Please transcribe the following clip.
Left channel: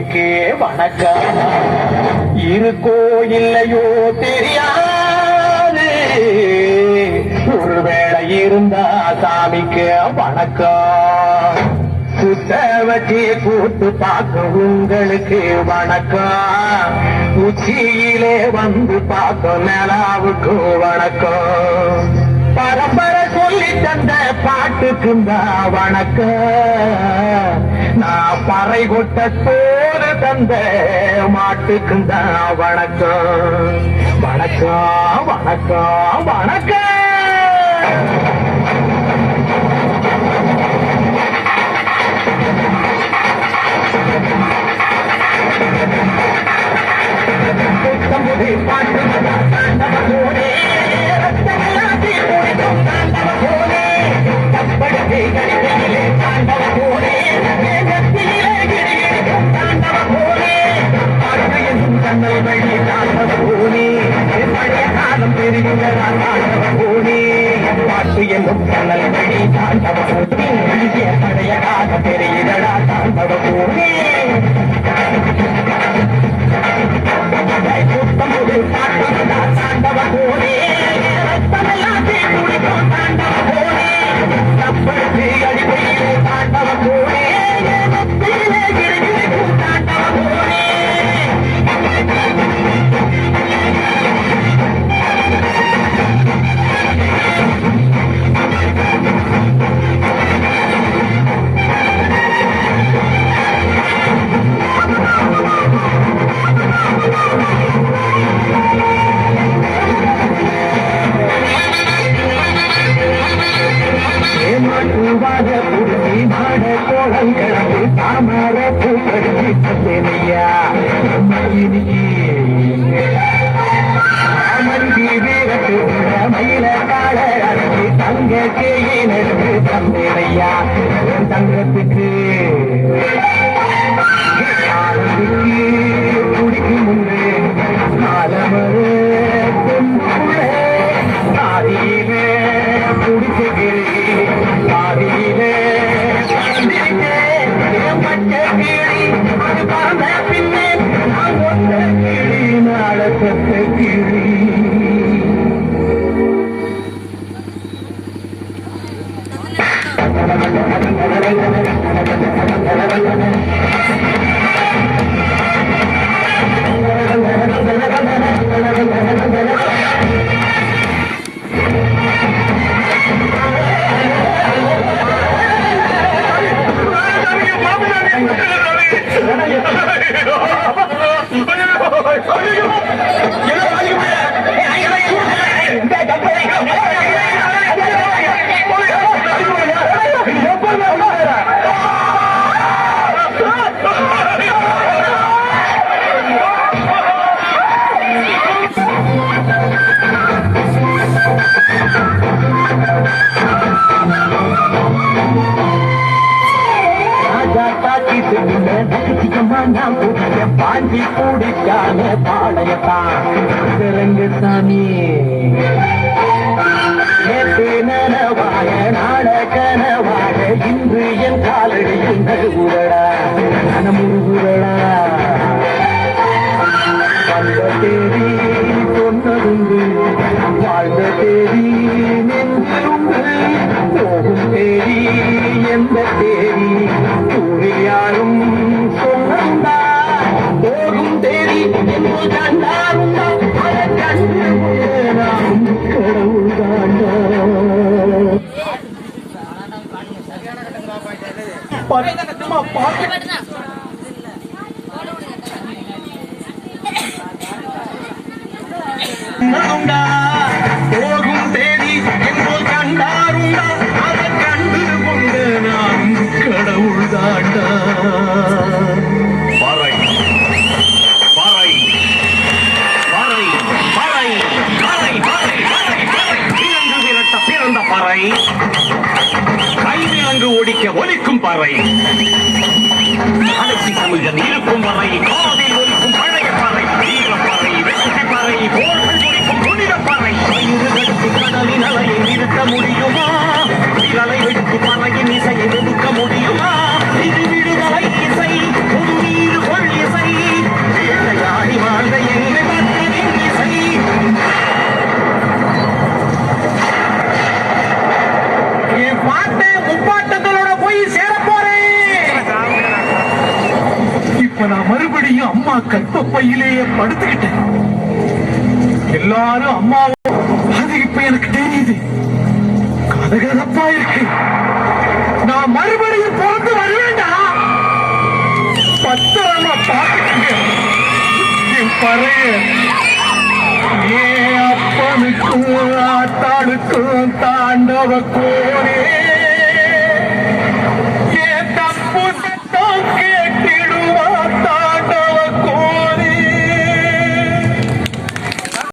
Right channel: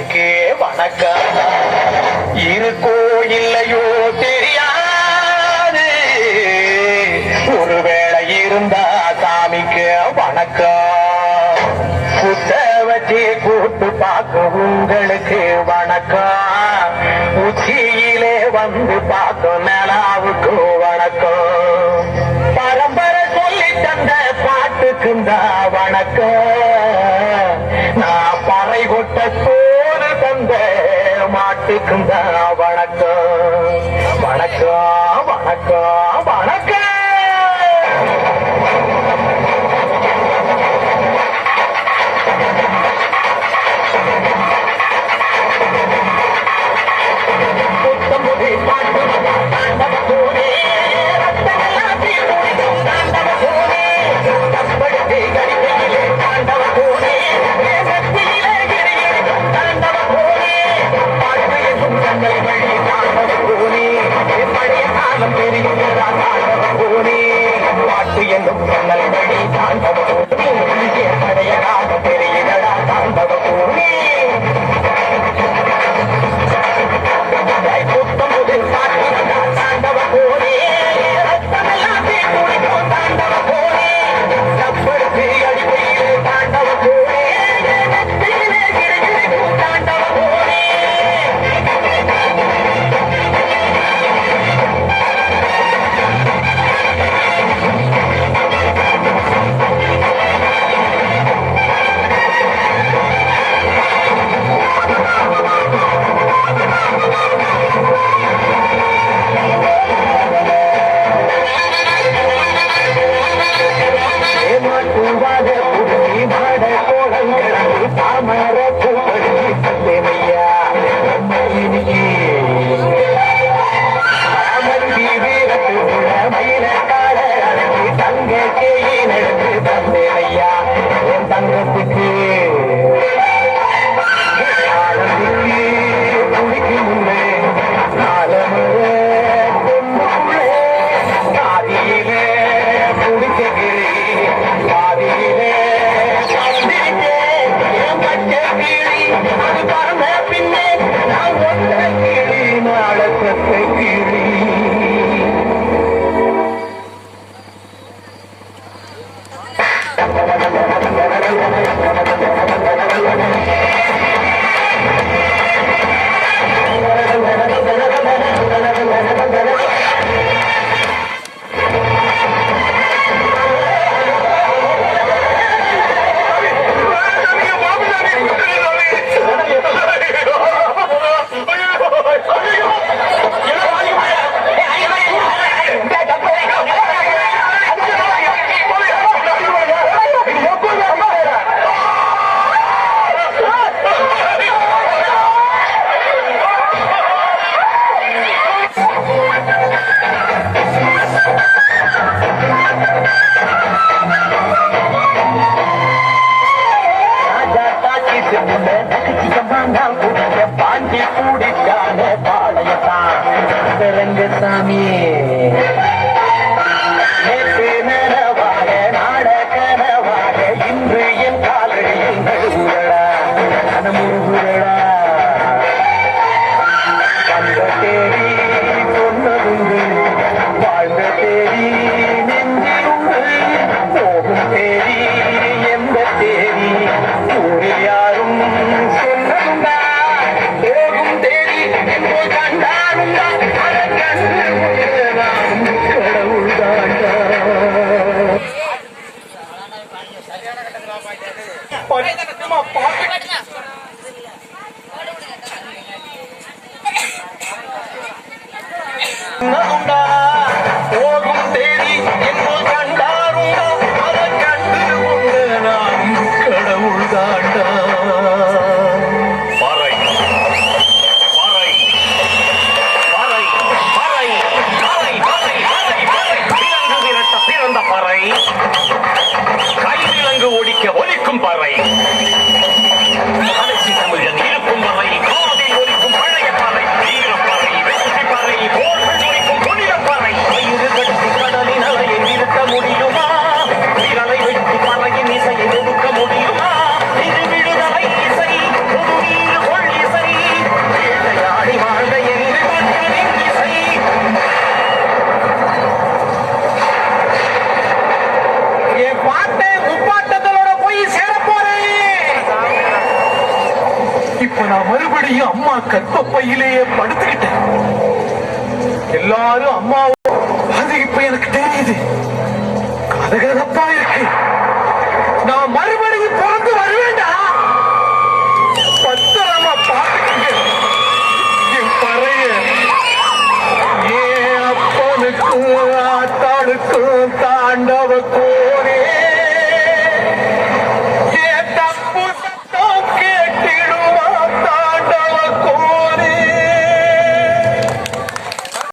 சாமிக்கு வணக்கம். இருக்கோ இல்லையோ தெரியாது, ஒருவேளை இருந்தா சாமிக்கு வணக்கம். புத்த வச்சு கூட்டு பார்க்க உங்களுக்கு வணக்கம். உச்சியிலே வந்து பார்க்க நிலாவுக்கு வணக்கம். பரம்பரை சொல்லி தந்த பாட்டுக்குந்தா வணக்கம். நான் பறை கொட்ட சோறு தந்த மாட்டுக்குந்தா வணக்கம். வணக்கம் வணக்கம் வணக்கம். பாட்டு தாண்டவ கோரே ரத்தங்களாசி போடும் தாண்டவ கோரே தப்படுத்தி கடிக்கையிலே தாண்டவ கோரே வெற்றியிலே கிரிகிரிக்கும் தாண்டவ கோரே பாட்டு என்றும் கண்ணல் வழி தாண்டவ கோரே பழைய காலம் பெருகிறதா தாண்டவ கோரே பாட்டு என்னும் கண்ணல் வழி தாண்டவ கோரே பழைய காலம் பெருகிறதா தாண்டவ கோரே. தாண்டவ கோரே ரத்தமெல்லாத்தி குடிக்கும் தாண்டவ கோரே தப்படுத்தி அடிப்பையிலே தாண்டவ கோரே நெத்தியிலே கிரிகிரிக்கும் தாண்டவ கோரே. தங்கத்துக்கு குடிக்கும் முன்னே நாலமுறை பாதியில குடிக்கிறேன் பாதியில பச்சை கிளி அது பறந்த பின்னே நான் ஒத்த கிளி நாள செத்த கிளி. பாஞ்சி கூடிச்சான பாளையத்தான் பெருங்க சாமி நேற்று நனவாழ நாட கனவாழ இன்று என் காலடியில் நடுவுரடா மனமுருகுரடா வந்த தேடி சொன்னதுண்டு வாழ்ந்த தேடி நெஞ்சிருந்து போகும் தேடி எந்த தேடி ஊரில் யாரும் சொன்னதுண்டா போகும் தேடி என்று கண்டாருண்டா நான் கடவுள் தாண்டா. போகும் தேதி என்று கண்டாருண்டா அதை கண்டு கொண்டு நான் கடவுள் தாண்டா. பாறை பாறை பாறை பாறை பாறை பாறை விலங்கு விரட்ட பிறந்த பாறை கைவிலங்கு ஒடிக்க ஒலிக்கும் பாறை தமிழன் இருக்கும் வரை காதில் ஒலிக்கும் பழைய பாறை வீரப்பாறை வெற்றி பாறை போர்கள் ஒலிக்கும் புனித பாறை கடலின் அலையை நிறுத்த முடியுமா விரலை வெட்டி பறையின் இசையை ஒடுக்க முடியுமா இது விடுதலை இசை பொது நீர் கொள்ளி அம்மா கற்பப்பையிலேயே படுத்துக்கிட்டேன். எல்லாரும் அம்மாவும் அது இப்ப எனக்கு தெரியுது. கதகதப்பா இருக்கு. நான் மறுபடியும் பிறந்து வருவேண்டா. பத்திரமா பார்த்துக்கங்க என் பறைய. ஏன் அப்பனுக்கும் ஆத்தாளுக்கும் தாண்டவ கோரே